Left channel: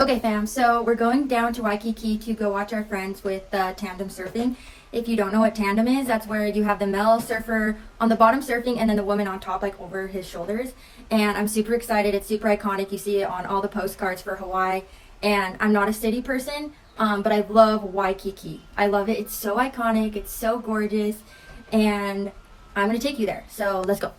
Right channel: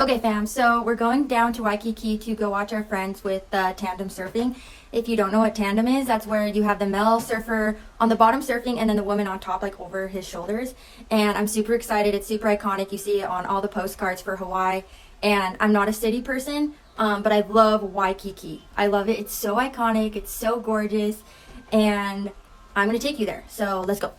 Okay, fam, so we're going down to Waikiki to go watch our friends with tandem surfing. If you don't know what tandem is, that's where you have the male surfer on the bottom surfing and then the woman on top, like over his shoulders. And I'm super excited. It's super iconic. You see it on all the postcards for Hawaii. And I'm not a city person, but I love Waikiki. I love it. It's so iconic. It's so gorgeous. And I'm going to take you there. So let's go.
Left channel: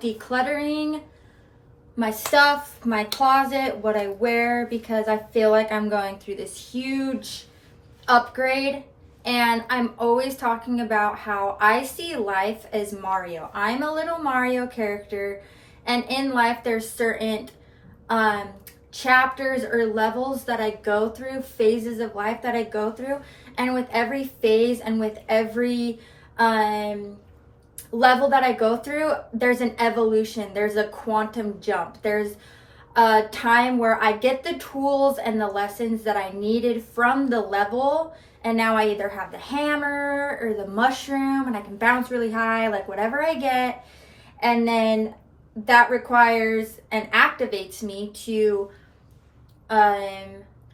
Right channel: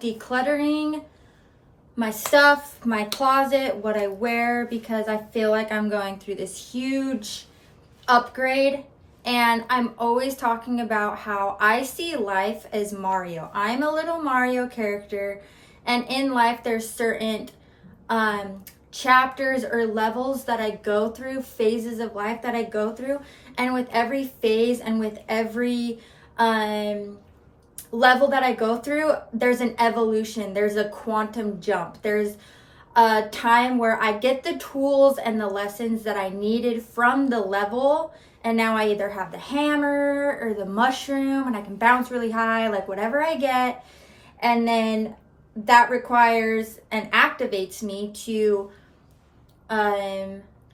Decluttering my stuff, my closet, what I wear, because I feel like I'm going through this huge upgrade. And I'm always talking about how I see life as Mario. I'm a little Mario character, and in life there's certain chapters or levels that I go through, phases of life that I go through, and with every phase and with every level that I go through, there's an evolution, there's a quantum jump, there's a time where I get the tools and the lessons that I needed from the level, and now I either have the hammer or the mushroom and I can bounce really high, like whatever I get, and then that requires and activates me to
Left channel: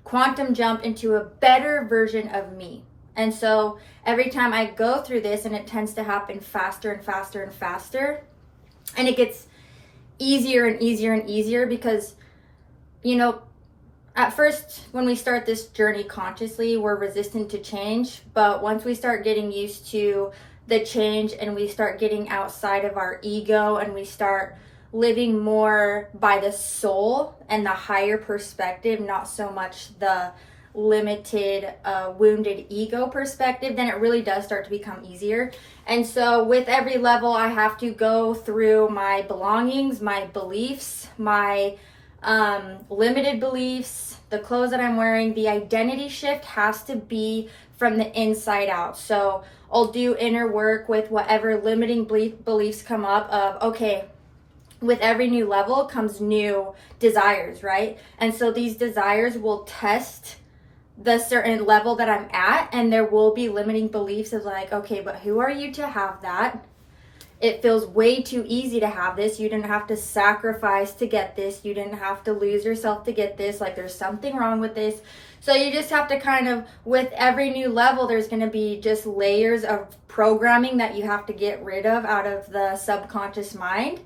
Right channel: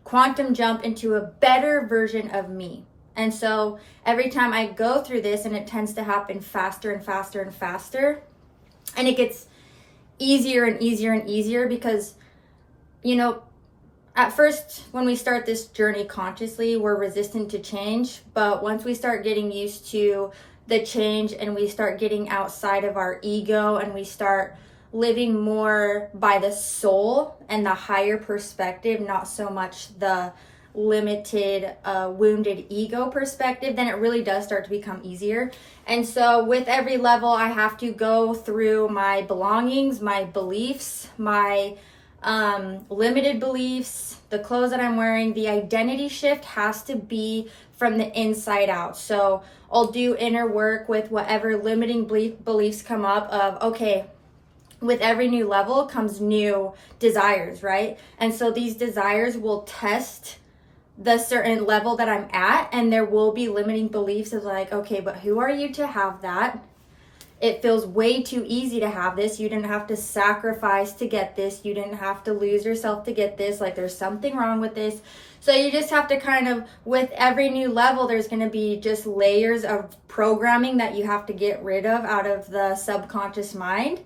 quantum jump into a better version of me. And so every time I go through this, and it tends to happen faster and faster and faster, and it gets easier and easier and easier because, you know, at first when we start this journey consciously, we're resistant to change. But once we start getting used to the change and we start getting outside of our ego and we start living more by the soul and the higher perspective, not so much the limited wounded ego perspective, then it really does start to become easier. And so with every level, I have to go through my belongings, my beliefs, my limited beliefs, the clothes that I'm wearing. The identity shift has to be from the inside out. So I'll do inner work with whatever limiting beliefs come up of, okay, with every new level comes new desires, right? And so these desires will test the certain level that I'm at, and there will be limiting beliefs of like, okay, but who are you to have that? It feels way too easy to have this. You didn't have to sacrifice to get this. You didn't have to lose yourself to get this. Like, there's something wrong with this. So you just have to kind of, with every new level, there's going to be just layers of programming that you have to get rid of out of the subconscious mind.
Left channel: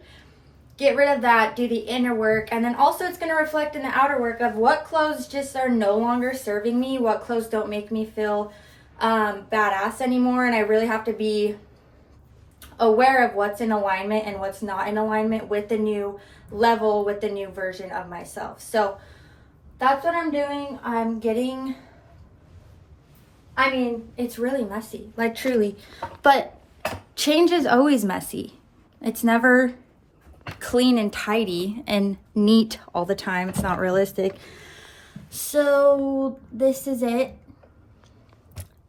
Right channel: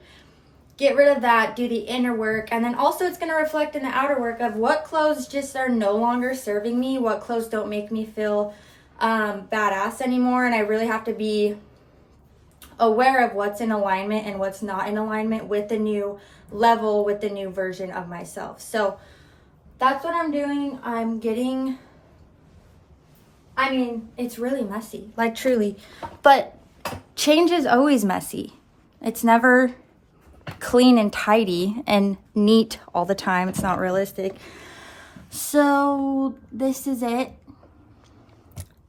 Get rid of that, do the inner work, and then also it's going to reflect in the outer work of what clothes just are no longer serving me, what clothes don't make me feel badass anymore, and I really have to be aware of what's in alignment and what's not in alignment with the new level, with the new version of myself. So that's what I'm doing. It's really messy, like truly, but change is always messy. It's never clean and tidy and neat all the time. It's not realistic. So this is it.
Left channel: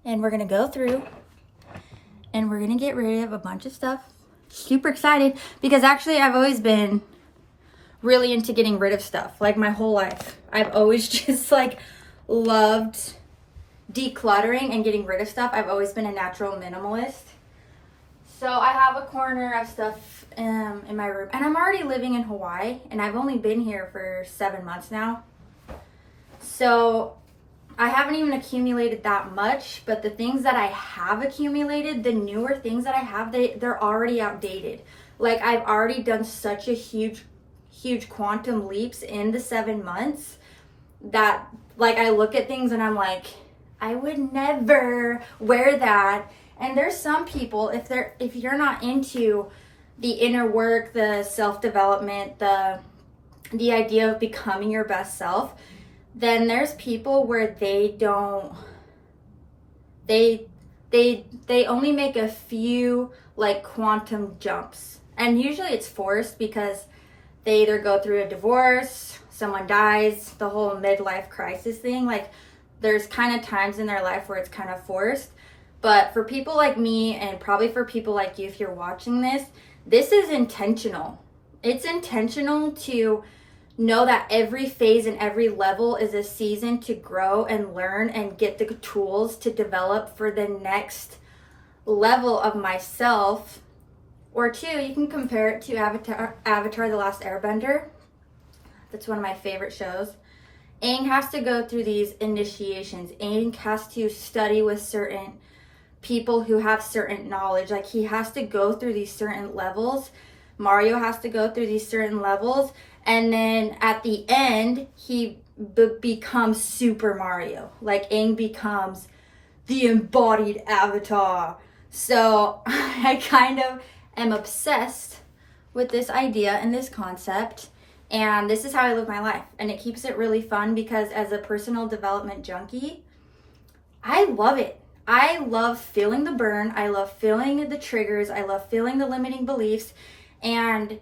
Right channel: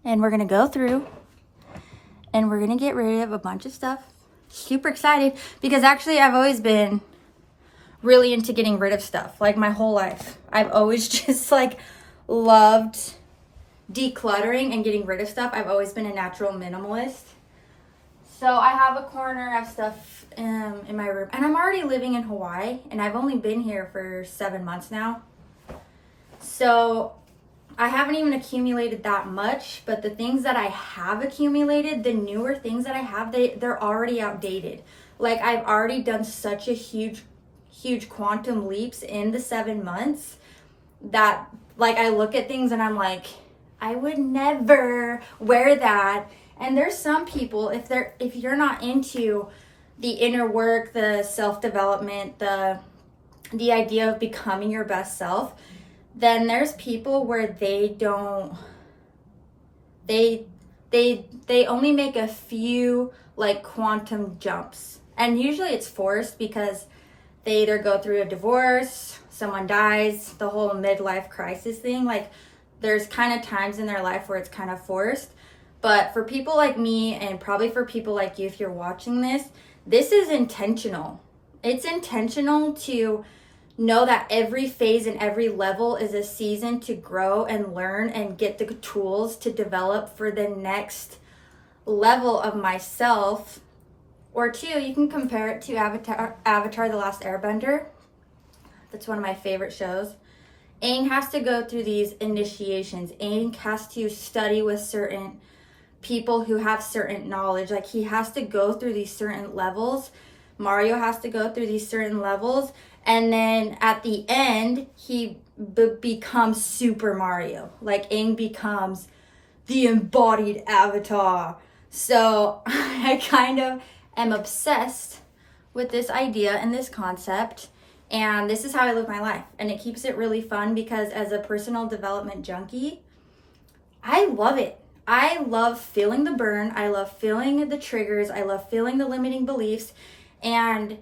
And we're going to go through and we're going to get rid of a bunch of stuff. Super excited because actually I've always been really into getting rid of stuff, like my whole life. I've always just like loved decluttering and getting rid of stuff. I've always been a natural minimalist. So I have a corner of stuff in my room, and I'm already living in Hawaii, and I've only been here for 7 months now. So I haven't even accumulated that much, but the things that I have accumulated, the newer things that I have, they're already outdated. Like I've already done such a huge quantum leaps in the 7 months that like I look at things and I'm like, I would never wear that. And there's some people, if you're not into the inner work, the self-development, the idea of becoming your best self, then there's people where they only make a few like quantum jumps. And usually it's forced because they either go through a divorce, someone dies, the whole midlife crisis thing. Like there's kind of times in their life where it's kind of forced. But for people like me, and probably for people like you if you're watching this is intentional. It's intentional to know that every phase and every level is a season to grow and learn and get the tools to develop for the next level of myself. Or two, you can compare it to Avatar The Last Airbender. That's one of my favorite shows. Aang has to go through these initiations. Aang has to study with certain people who have certain knowledge. Like he has to go through these certain levels. Mario has to go through these certain levels. And then at the end, he becomes Super Mario. Like Aang becomes the embodied avatar. So I kind of am obsessed with this idea and this concept. And this is how I live my life. And it keeps it really fun because as a personal development junkie, I love it. I love feeling the burn. I love feeling the triggers. I love feeling the limiting beliefs. And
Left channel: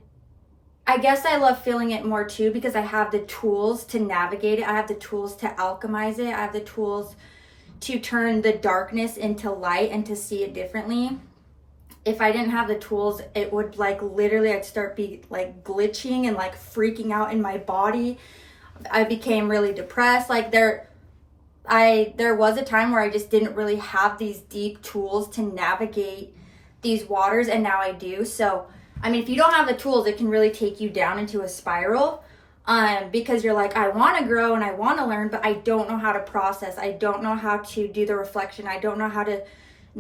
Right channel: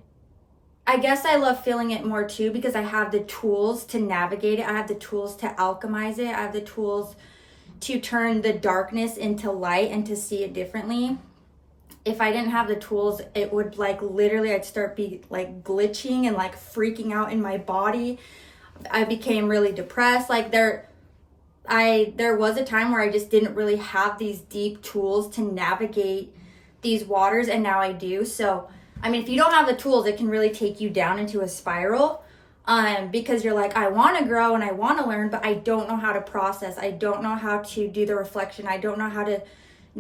I guess I love feeling it more too because I have the tools to navigate it. I have the tools to alchemize it. I have the tools to turn the darkness into light and to see it differently. If I didn't have the tools, it would like literally I'd start be like glitching and like freaking out in my body. I became really depressed. Like there was a time where I just didn't really have these deep tools to navigate these waters, and now I do. So I mean, if you don't have the tools, it can really take you down into a spiral because you're like, I want to grow and I want to learn, but I don't know how to process. I don't know how to do the reflection. I don't know how to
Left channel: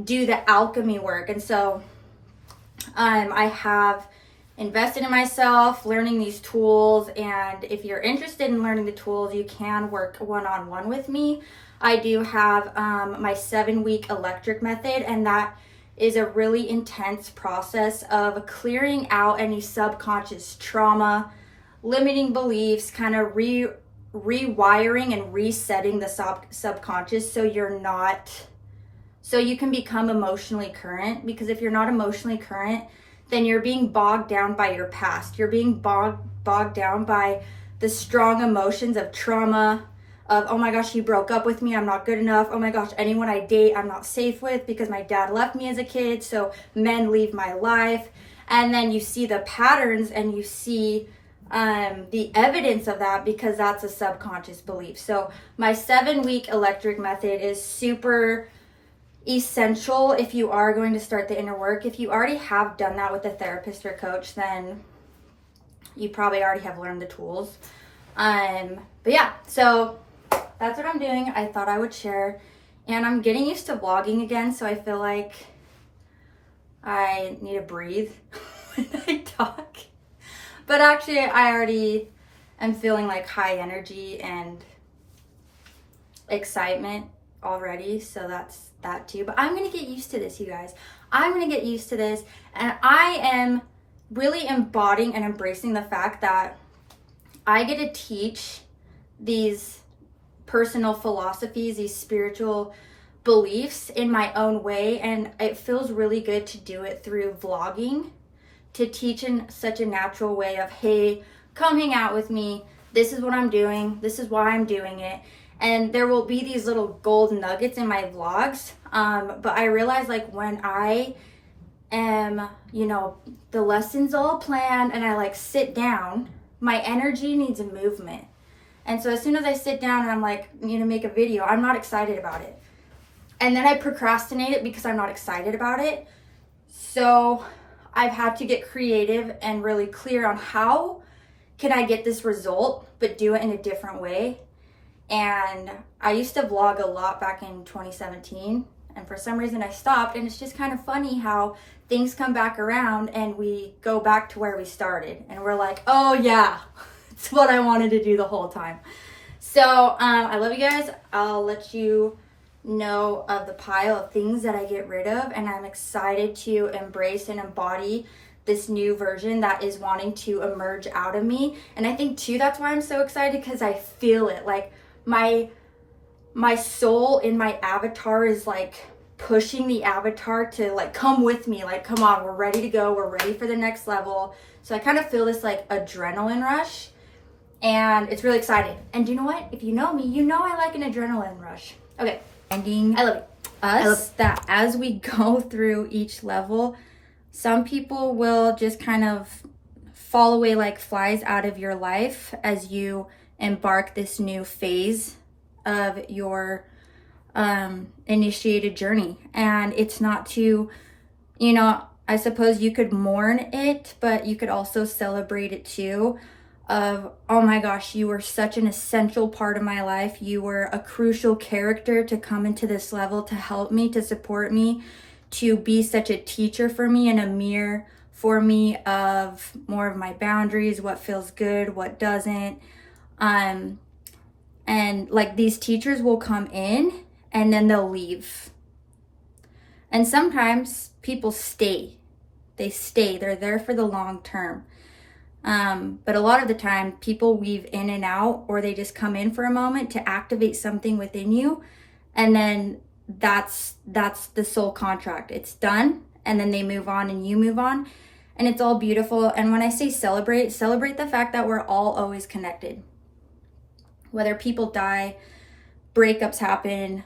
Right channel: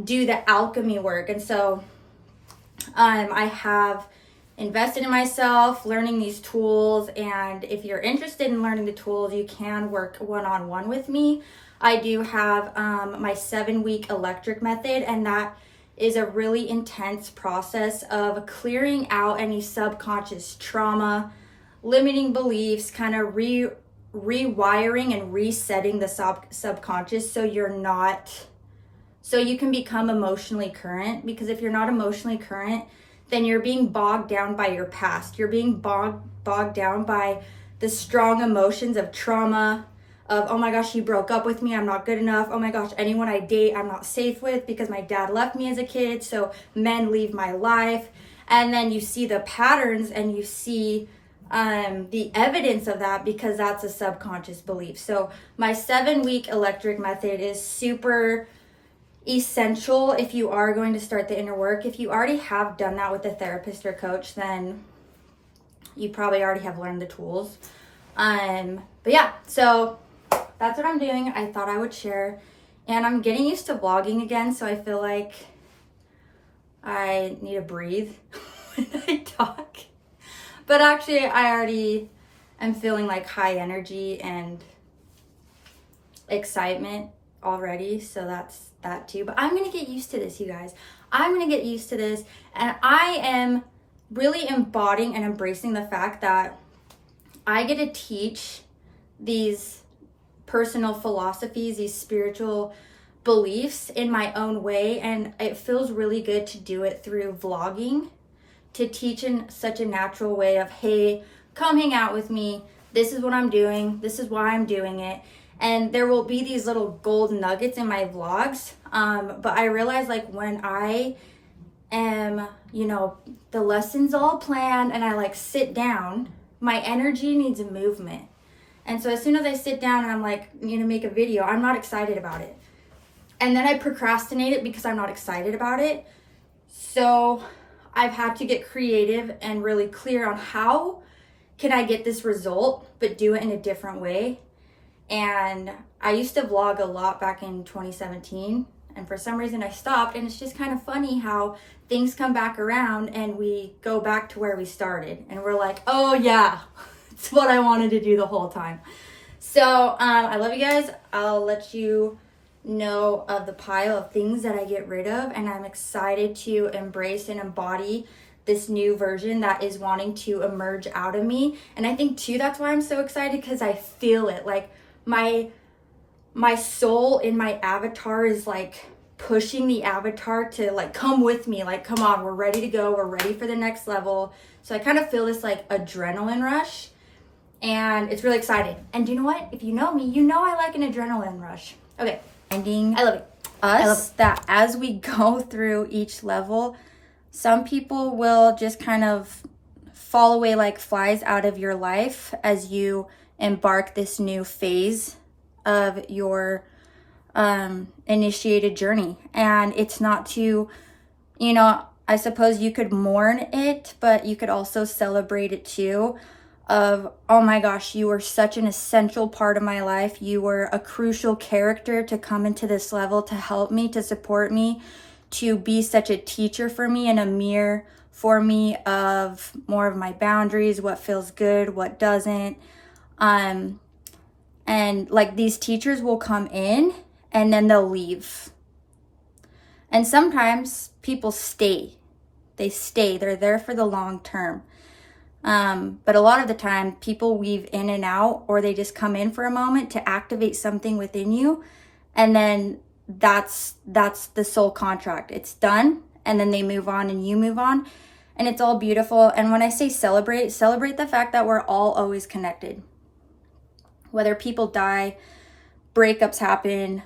do the alchemy work. And so I have invested in myself, learning these tools. And if you're interested in learning the tools, you can work one-on-one with me. I do have my 7-week electric method, and that is a really intense process of clearing out any subconscious trauma, limiting beliefs, kind of rewiring and resetting the subconscious so you can become emotionally current. Because if you're not emotionally current, then you're being bogged down by your past. You're being bogged down by the strong emotions of trauma, of, oh my gosh, he broke up with me, I'm not good enough. Oh my gosh, anyone I date, I'm not safe with because my dad left me as a kid, so men leave my life. And then you see the patterns and you see the evidence of that because that's a subconscious belief. So my 7-week electric method is super essential if you are going to start the inner work. If you already have done that with a therapist or coach, then you probably already have learned the tools. But yeah, so that's what I'm doing. I thought I would share, and I'm getting used to vlogging again, so I feel like I need to breathe when I talk. But actually, I already am feeling like high energy and excitement already, so that too. But I'm going to get used to this, you guys. I'm going to get used to this. And I am really embodying and embracing the fact that I get to teach these personal philosophies, these spiritual beliefs in my own way. And it feels really good to do it through vlogging, to teach in such a natural way of, hey, come hang out with me. This is what I'm doing. This is why I'm doing it. And there will be these little gold nuggets in my vlogs. But I realize like when I am, you know, the lessons all planned and I like sit down, my energy needs a movement. And so as soon as I sit down and I'm like, you know, make a video, I'm not excited about it. And then I procrastinate it because I'm not excited about it. So I've had to get creative and really clear on how can I get this result, but do it in a different way. And I used to vlog a lot back in 2017. And for some reason I stopped, and it's just kind of funny how things come back around and we go back to where we started. And we're like, oh yeah, it's what I wanted to do the whole time. So I love you guys. I'll let you know of the pile of things that I get rid of, and I'm excited to embrace and embody this new version that is wanting to emerge out of me. And I think too, that's why I'm so excited, because I feel it. Like my soul in my avatar is like pushing the avatar to like come with me, like come on, we're ready to go, we're ready for the next level. So I kind of feel this like adrenaline rush, and it's really exciting. And you know what, if you know me, you know I like an adrenaline rush. Okay, I love you. I love that as we go through each level, some people will just kind of fall away like flies out of your life as you embark this new phase of your initiated journey. And it's not to, you know, I suppose you could mourn it, but you could also celebrate it too. Of, oh my gosh, you were such an essential part of my life. You were a crucial character to come into this level, to help me, to support me, to be such a teacher for me and a mirror for me of more of my boundaries, what feels good, what doesn't. And like these teachers will come in and then they'll leave. And sometimes people stay. They stay. They're there for the long term. But a lot of the time people weave in and out, or they just come in for a moment to activate something within you. And then that's the soul contract. It's done. And then they move on and you move on, and it's all beautiful. And when I say celebrate the fact that we're all always connected. Whether people die, breakups happen,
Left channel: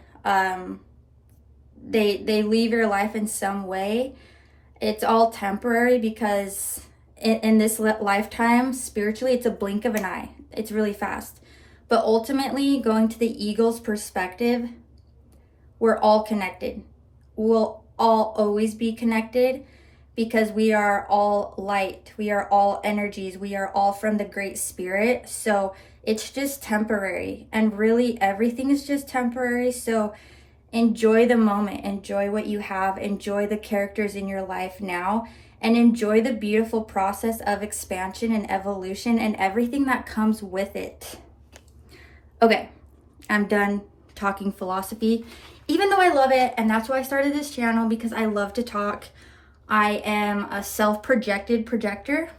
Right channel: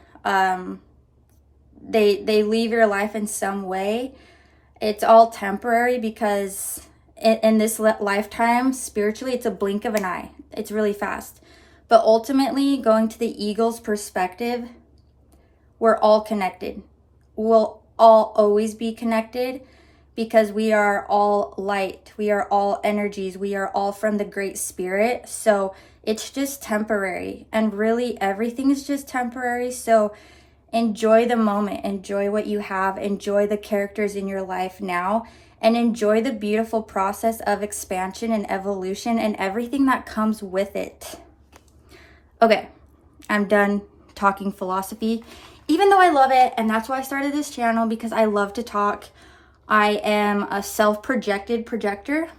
they leave your life in some way. It's all temporary, because in this lifetime, spiritually, it's a blink of an eye. It's really fast. But ultimately, going to the eagle's perspective, we're all connected. We'll all always be connected, because we are all light. We are all energies. We are all from the Great Spirit. So it's just temporary. And really, everything is just temporary. So enjoy the moment. Enjoy what you have. Enjoy the characters in your life now. And enjoy the beautiful process of expansion and evolution and everything that comes with it. Okay, I'm done talking philosophy, even though I love it. And that's why I started this channel, because I love to talk. I am a self-projected projector.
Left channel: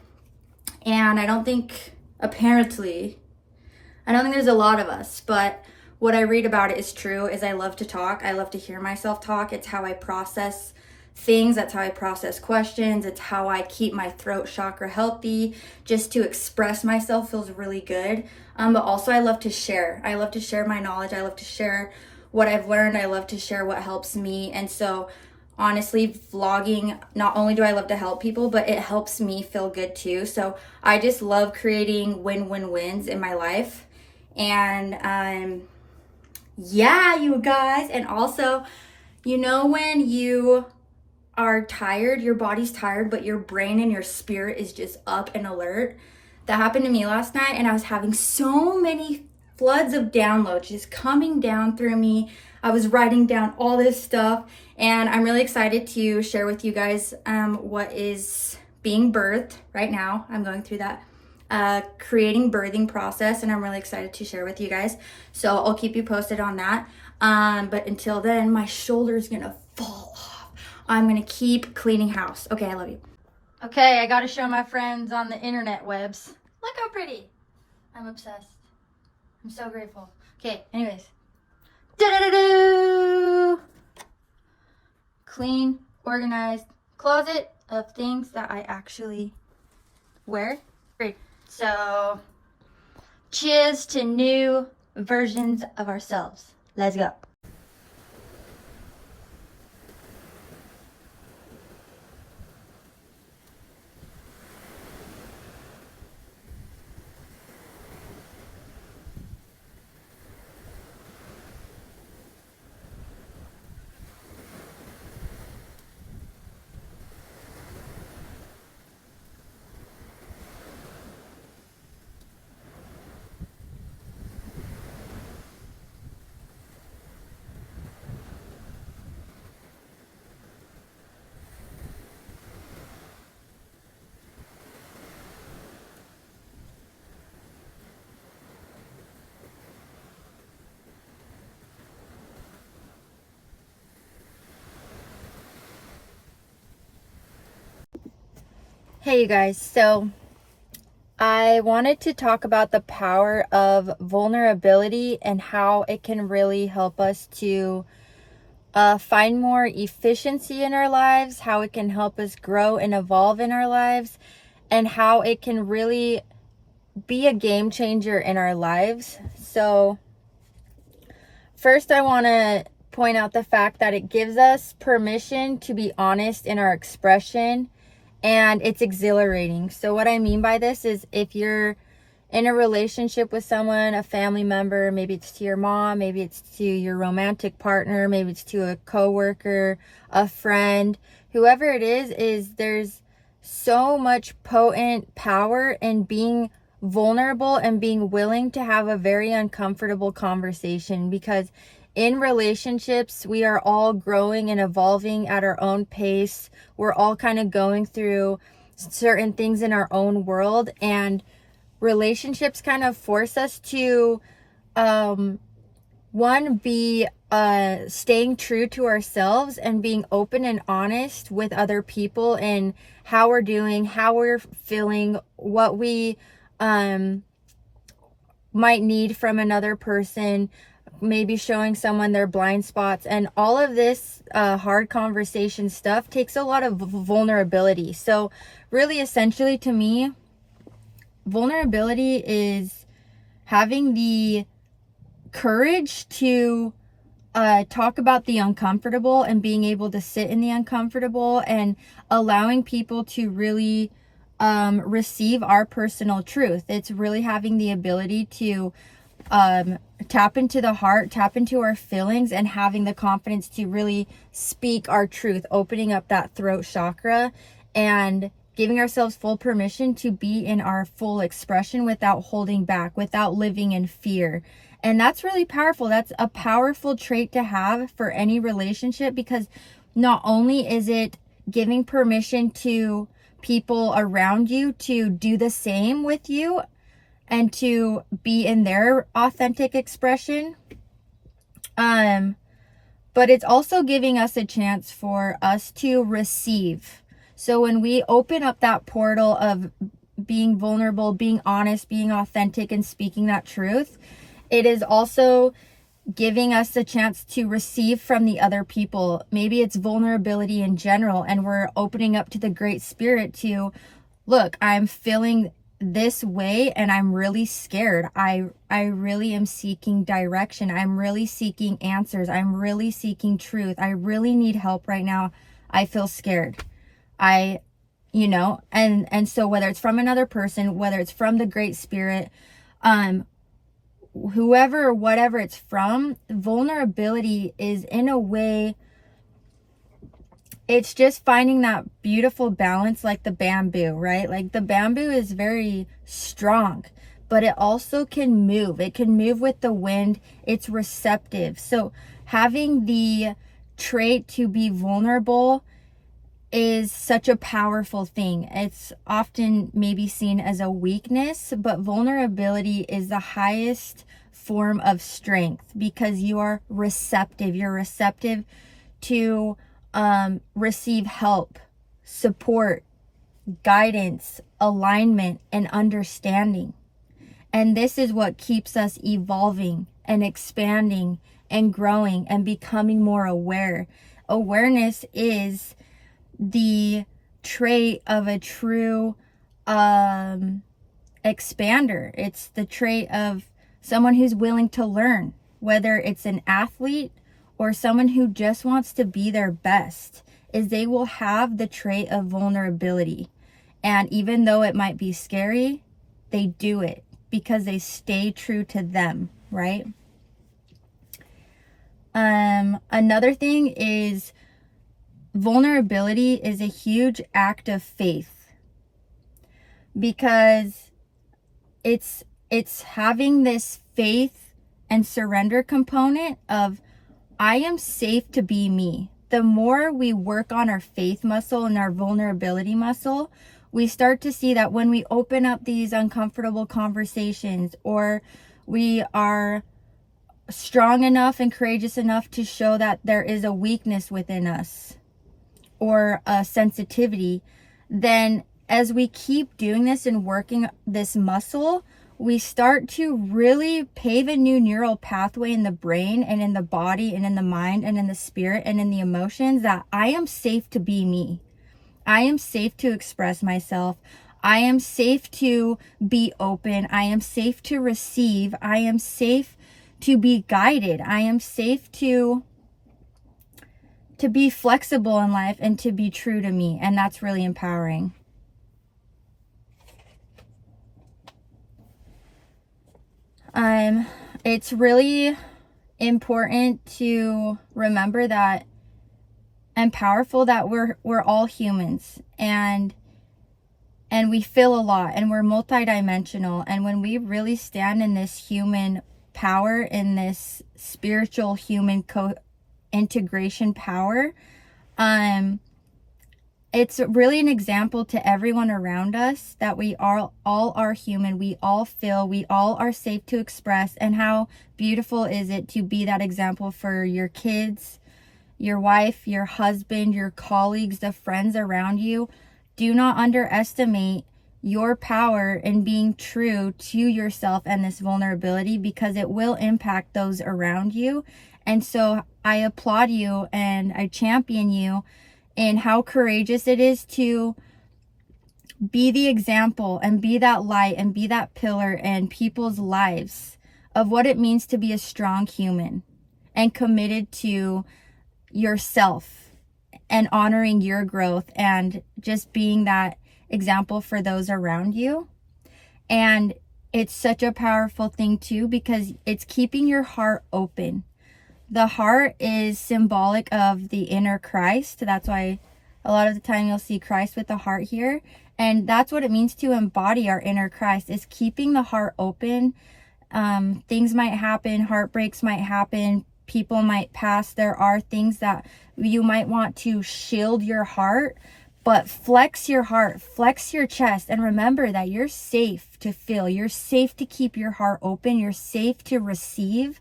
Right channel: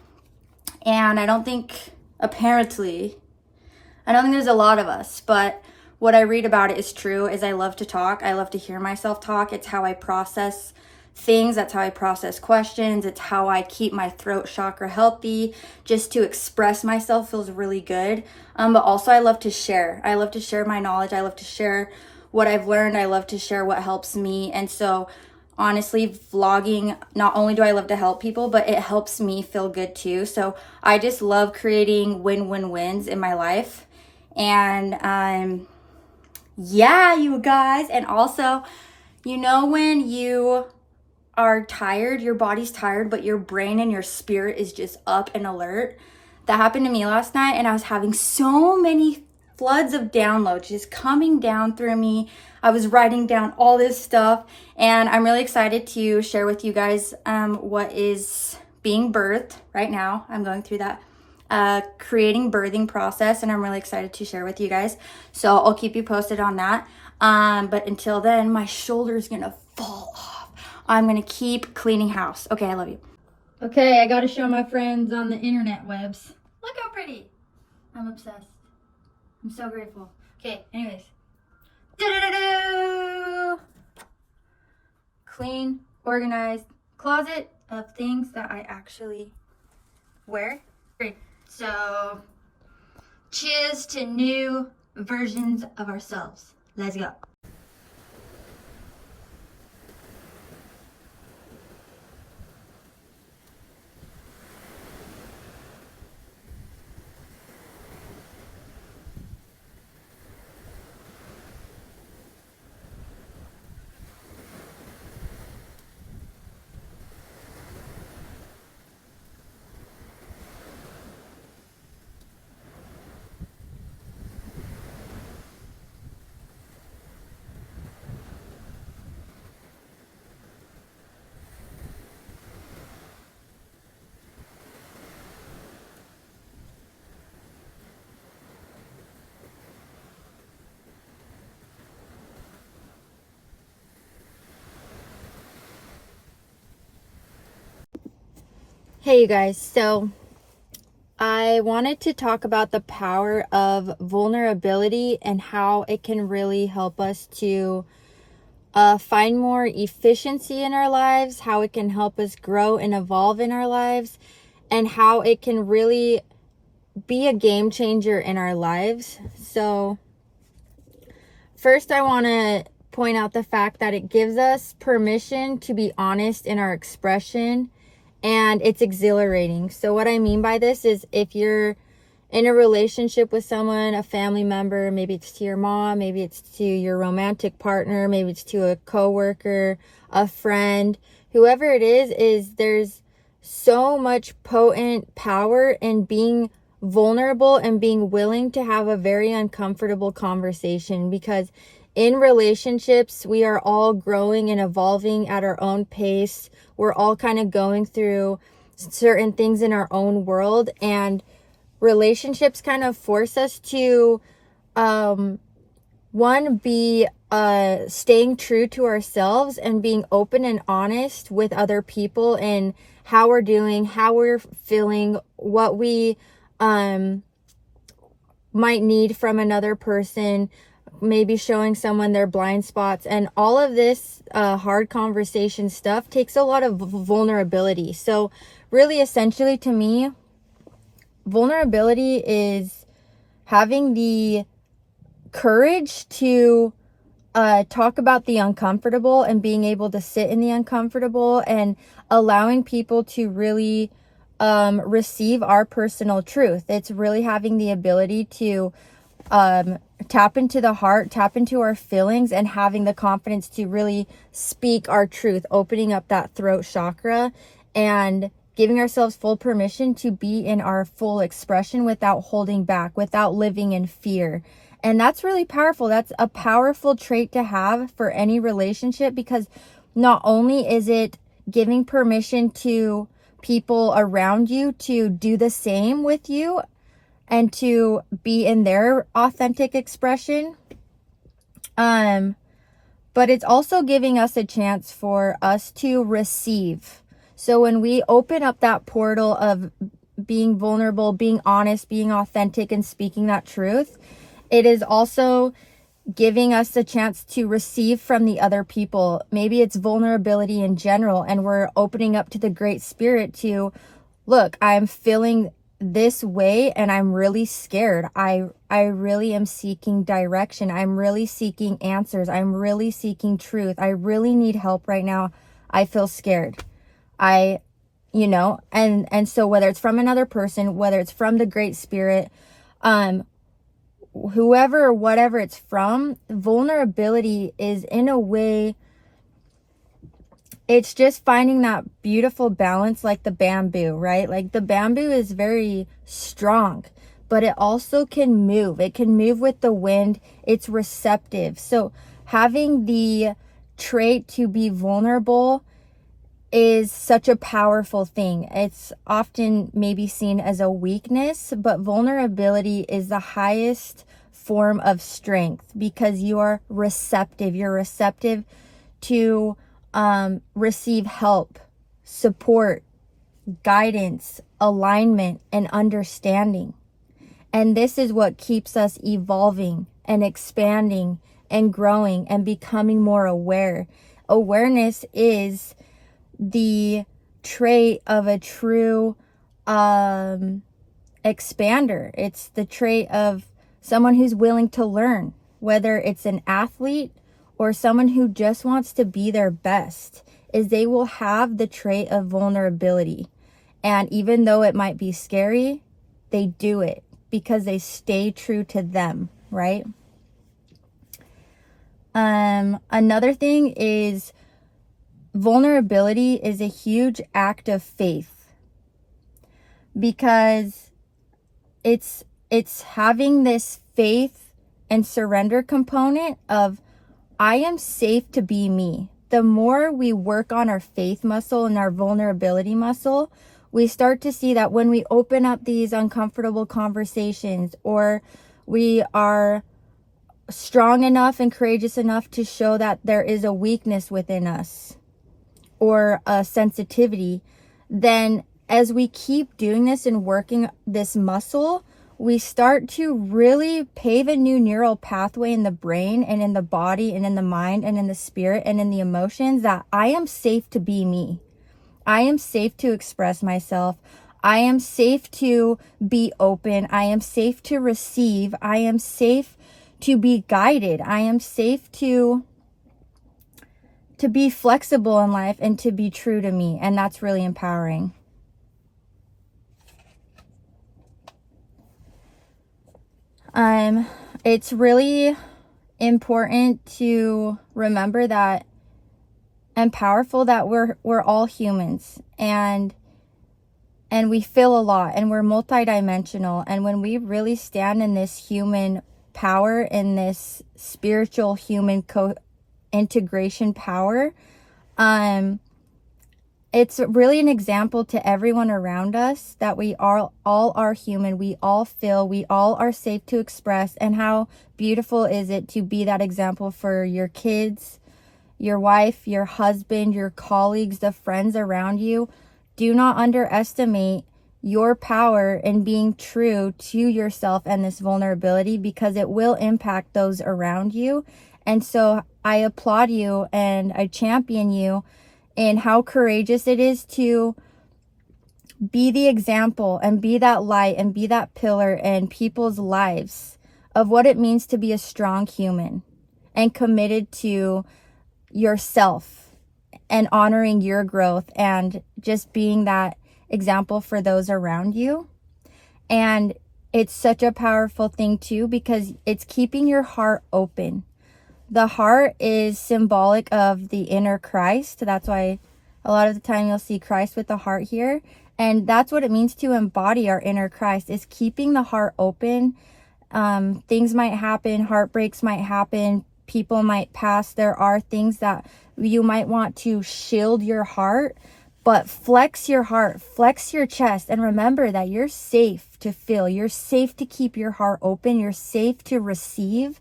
And I don't think there's a lot of us, but what I read about it is true, is I love to talk. I love to hear myself talk. It's how I process things. That's how I process questions. It's how I keep my throat chakra healthy. Just to express myself feels really good. But also I love to share. I love to share my knowledge. I love to share what I've learned. I love to share what helps me. And so honestly, vlogging, not only do I love to help people, but it helps me feel good too. So I just love creating win-win-wins in my life. And yeah, you guys. And also, you know, when you are tired, your body's tired, but your brain and your spirit is just up and alert. That happened to me last night, and I was having so many floods of downloads just coming down through me. I was writing down all this stuff, and I'm really excited to share with you guys what is being birthed right now. I'm going through that creating birthing process, and I'm really excited to share with you guys. So I'll keep you posted on that. But until then, my shoulder's gonna fall off. I'm gonna keep cleaning house. Okay, I love you. Okay, I gotta show my friends on the internet webs. Look how pretty. I'm obsessed. I'm so grateful. Okay, anyways. Do-do-do-do! Clean, organized closet of things that I actually wear. Great. So, cheers to new versions of ourselves. Let's go. Hey you guys, so I wanted to talk about the power of vulnerability and how it can really help us to find more efficiency in our lives, how it can help us grow and evolve in our lives, and how it can really be a game changer in our lives. So first I want to point out the fact that it gives us permission to be honest in our expression, and it's exhilarating. So what I mean by this is if you're in a relationship with someone, a family member, maybe it's to your mom, maybe it's to your romantic partner, maybe it's to a coworker, a friend, whoever it is there's so much potent power in being vulnerable and being willing to have a very uncomfortable conversation, because in relationships, we are all growing and evolving at our own pace. We're all kind of going through certain things in our own world, and relationships kind of force us to, one, be staying true to ourselves and being open and honest with other people and how we're doing, how we're feeling, what we might need from another person, maybe showing someone their blind spots. And all of this hard conversation stuff takes a lot of vulnerability. So really, essentially, to me, vulnerability is having the courage to talk about the uncomfortable and being able to sit in the uncomfortable and allowing people to really receive our personal truth. It's really having the ability to tap into the heart, tap into our feelings, and having the confidence to really speak our truth, opening up that throat chakra and giving ourselves full permission to be in our full expression without holding back, without living in fear. And that's really powerful. That's a powerful trait to have for any relationship, because not only is it giving permission to people around you to do the same with you and to be in their authentic expression, but it's also giving us a chance for us to receive. So when we open up that portal of being vulnerable, being honest, being authentic, and speaking that truth, it is also giving us a chance to receive from the other people. Maybe it's vulnerability in general, and we're opening up to the Great Spirit to, look, I'm feeling this way and I'm really scared. I really am seeking direction. I'm really seeking answers. I'm really seeking truth. I really need help right now. I feel scared. And so whether it's from another person, whether it's from the Great Spirit, whoever or whatever it's from, vulnerability is, in a way, it's just finding that beautiful balance, like the bamboo, right? Like the bamboo is very strong, but it also can move. It can move with the wind. It's receptive. So having the trait to be vulnerable is such a powerful thing. It's often maybe seen as a weakness, but vulnerability is the highest form of strength because you are receptive. You're receptive to receive help, support, guidance, alignment, and understanding. And this is what keeps us evolving and expanding and growing and becoming more aware. Awareness is the trait of a true expander. It's the trait of someone who's willing to learn, whether it's an athlete or someone who just wants to be their best, is they will have the trait of vulnerability. And even though it might be scary, they do it because they stay true to them, right? Another thing is vulnerability is a huge act of faith because it's having this faith and surrender component of I am safe to be me. The more we work on our faith muscle and our vulnerability muscle, we start to see that when we open up these uncomfortable conversations, or we are strong enough and courageous enough to show that there is a weakness within us or a sensitivity, then as we keep doing this and working this muscle, we start to really pave a new neural pathway in the brain and in the body and in the mind and in the spirit and in the emotions that I am safe to be me. I am safe to express myself. I am safe to be open. I am safe to receive. I am safe to be guided. I am safe to be flexible in life and to be true to me. And that's really empowering. It's really important to remember that and powerful that we're all humans and we feel a lot and we're multidimensional. And when we really stand in this human power, in this spiritual human integration power, it's really an example to everyone around us that we all are human. We all feel, we all are safe to express. And how beautiful is it to be that example for your kids, your wife, your husband, your colleagues, the friends around you. Do not underestimate your power in being true to yourself and this vulnerability, because it will impact those around you. And so I applaud you and I champion you in how courageous it is to be the example and be that light and be that pillar in people's lives of what it means to be a strong human and committed to yourself and honoring your growth and just being that example for those around you. And it's such a powerful thing too, because it's keeping your heart open. The heart is symbolic of the inner Christ. That's why a lot of the time you'll see Christ with the heart here. And that's what it means to embody our inner Christ, is keeping the heart open. Things might happen, heartbreaks might happen, people might pass. There are things that you might want to shield your heart, but flex your heart, flex your chest, and remember that you're safe to feel. You're safe to keep your heart open. You're safe to receive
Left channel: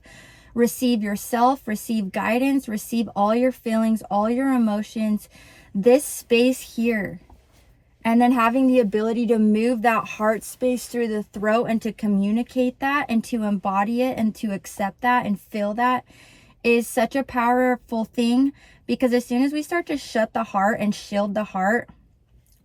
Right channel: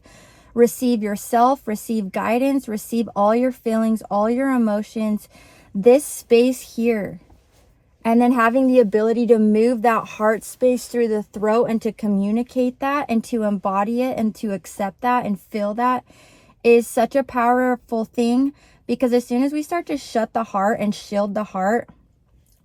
yourself, receive guidance, receive all your feelings, all your emotions, this space here. And then having the ability to move that heart space through the throat and to communicate that and to embody it and to accept that and feel that is such a powerful thing. Because as soon as we start to shut the heart and shield the heart,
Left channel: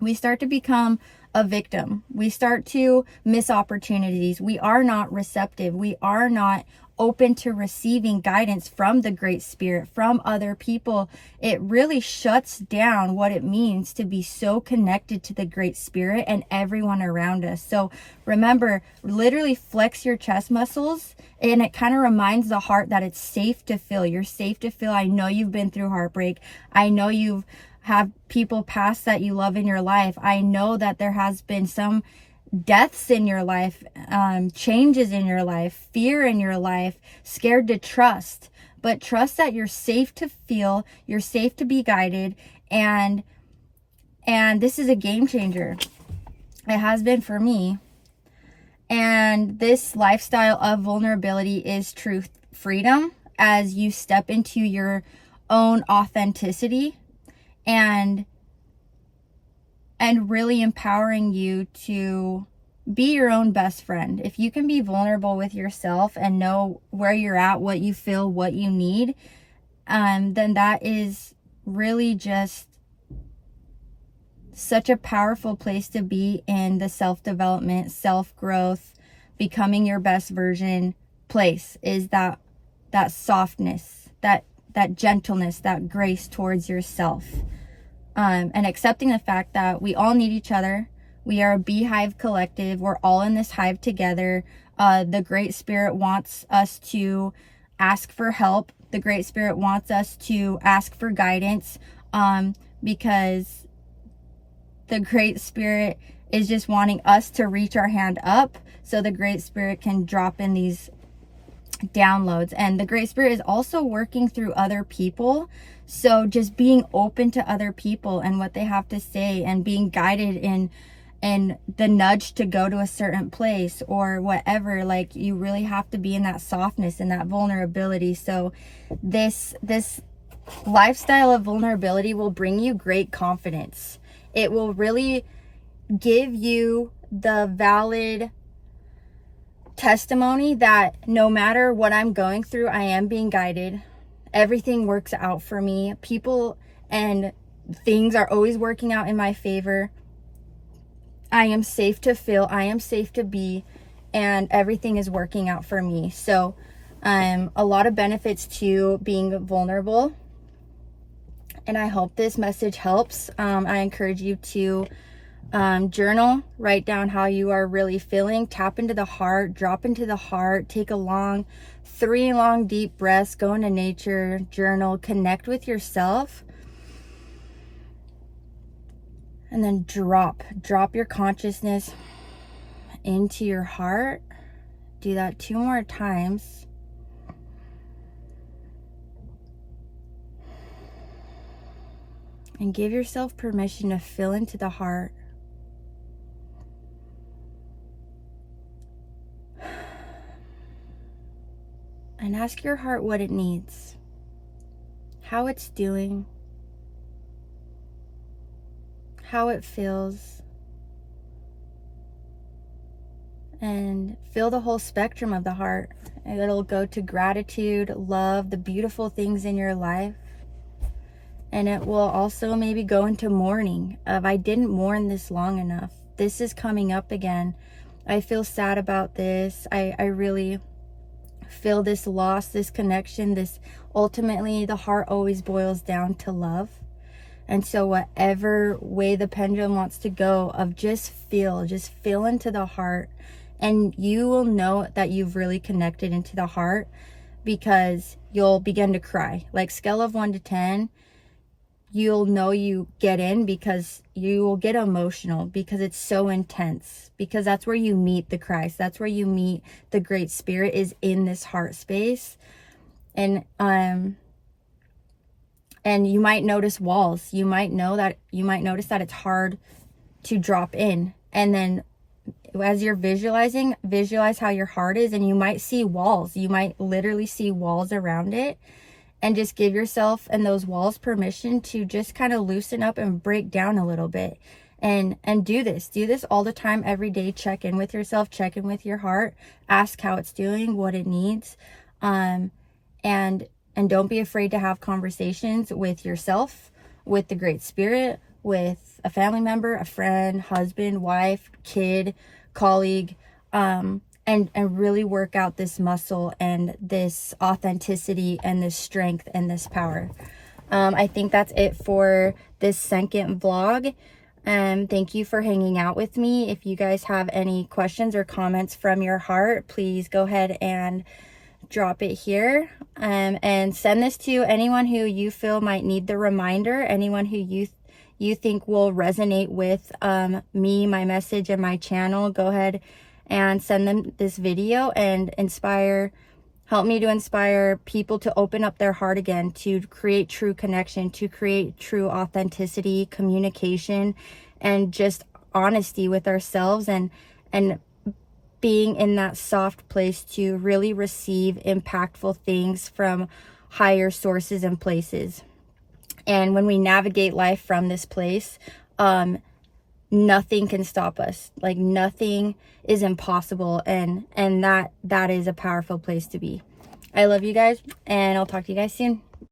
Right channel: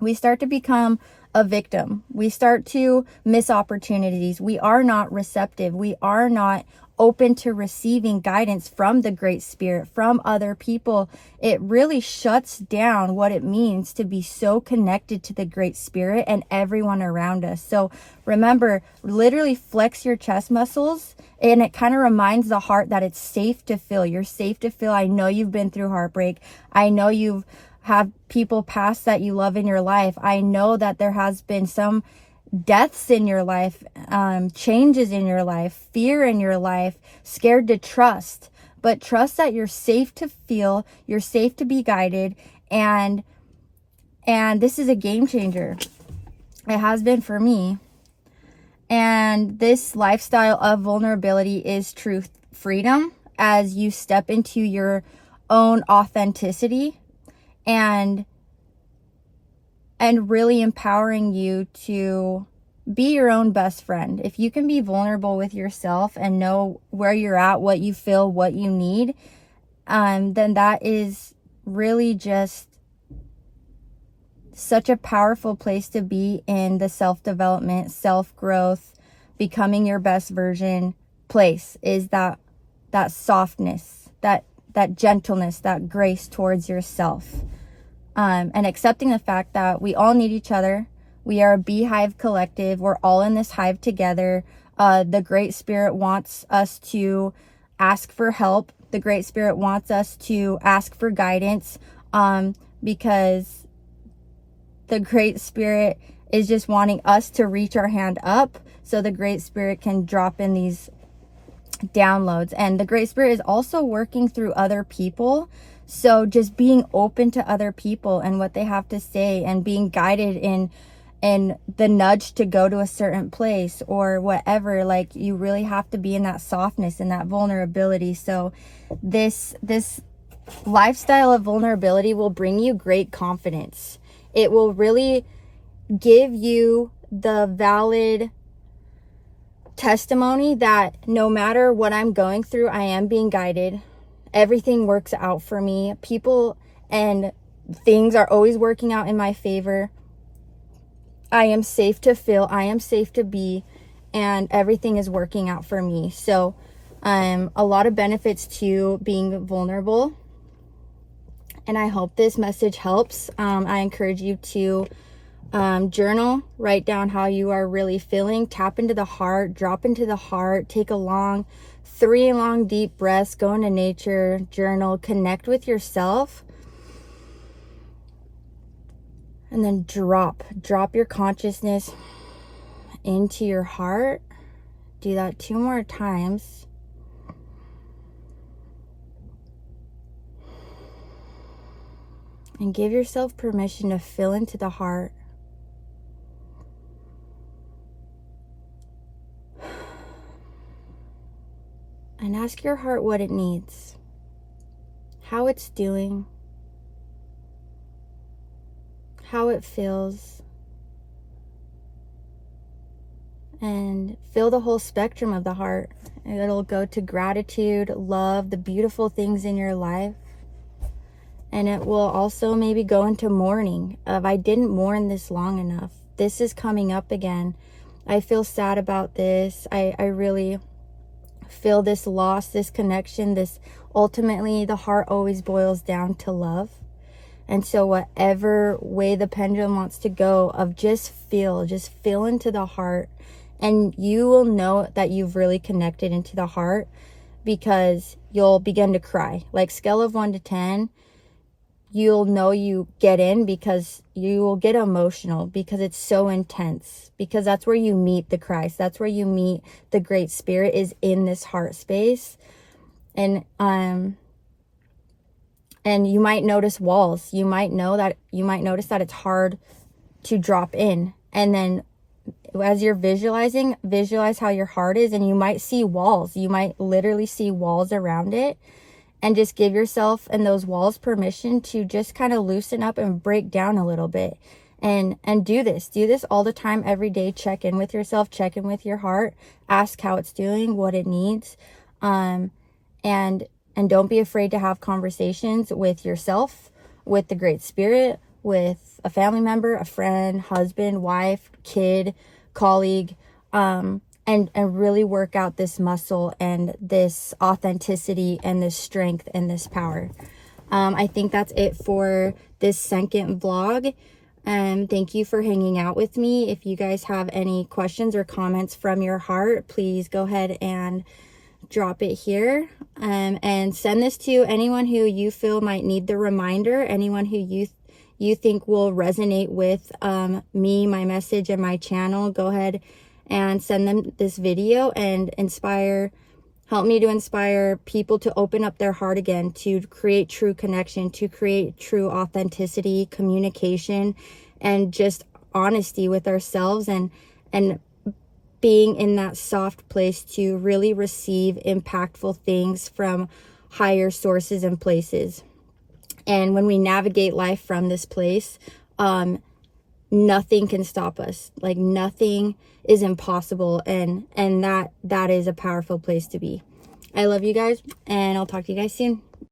we start to become a victim. We start to miss opportunities. We are not receptive. We are not open to receiving guidance from the Great Spirit, from other people. It really shuts down what it means to be so connected to the Great Spirit and everyone around us. So remember, literally flex your chest muscles, and it kind of reminds the heart that it's safe to feel. You're safe to feel. I know you've been through heartbreak. I know you've have people pass that you love in your life. I know that there has been some deaths in your life, changes in your life, fear in your life, scared to trust, but trust that you're safe to feel, you're safe to be guided. And this is a game changer. It has been for me. And this lifestyle of vulnerability is true freedom as you step into your own authenticity and really empowering you to be your own best friend. If you can be vulnerable with yourself and know where you're at, what you feel, what you need, then that is really just such a powerful place to be in the self-development, self-growth, becoming your best version place, is that softness, that gentleness, that grace towards yourself. And accepting the fact that we all need each other. We are a beehive collective. We're all in this hive together. The Great Spirit wants us to ask for help. The Great Spirit wants us to ask for guidance, because the Great Spirit is just wanting us to reach our hand up so the Great Spirit can drop in these downloads. And the Great Spirit is also working through other people. So just being open to other people and what they have to say, and being guided in the nudge to go to a certain place or whatever, like, you really have to be in that softness and that vulnerability. So this lifestyle of vulnerability will bring you great confidence. It will really give you the valid testimony that no matter what I'm going through, I am being guided. Everything works out for me. People and things are always working out in my favor. I am safe to feel, I am safe to be, and everything is working out for me. So a lot of benefits to being vulnerable. And I hope this message helps. I encourage you to journal, write down how you are really feeling, tap into the heart, drop into the heart, take a 3 long deep breaths, go into nature, journal, connect with yourself, and then drop your consciousness into your heart. Do that 2 more times. And give yourself permission to fill into the heart. And ask your heart what it needs, how it's doing, how it feels. And feel the whole spectrum of the heart. It'll go to gratitude, love, the beautiful things in your life. And it will also maybe go into mourning of, I didn't mourn this long enough. This is coming up again. I feel sad about this. I really feel this loss, this connection, this, ultimately the heart always boils down to love. And so whatever way the pendulum wants to go, of just feel into the heart, and you will know that you've really connected into the heart, because you'll begin to cry. Like, scale of 1 to 10, you'll know you get in, because you will get emotional, because it's so intense, because that's where you meet the Christ. That's where you meet the Great Spirit, is in this heart space. And you might notice walls. You might notice that it's hard to drop in. And then as you're visualize how your heart is, and you might see walls. You might literally see walls around it. And just give yourself and those walls permission to just kind of loosen up and break down a little bit. And do this all the time, every day. Check in with yourself, check in with your heart, ask how it's doing, what it needs. And don't be afraid to have conversations with yourself, with the Great Spirit, with a family member, a friend, husband, wife, kid, colleague, and really work out this muscle and this authenticity and this strength and this power. I think that's it for this second vlog. Thank you for hanging out with me. If you guys have any questions or comments from your heart, please go ahead and drop it here, and send this to anyone who you feel might need the reminder, anyone who you think will resonate with me, my message, and my channel. Go ahead and send them this video and help me to inspire people to open up their heart again, to create true connection, to create true authenticity, communication, and just honesty with ourselves, and being in that soft place to really receive impactful things from higher sources and places. And when we navigate life from this place, nothing can stop us. Like nothing is impossible, and that is a powerful place to be. I love you guys, and I'll talk to you guys soon.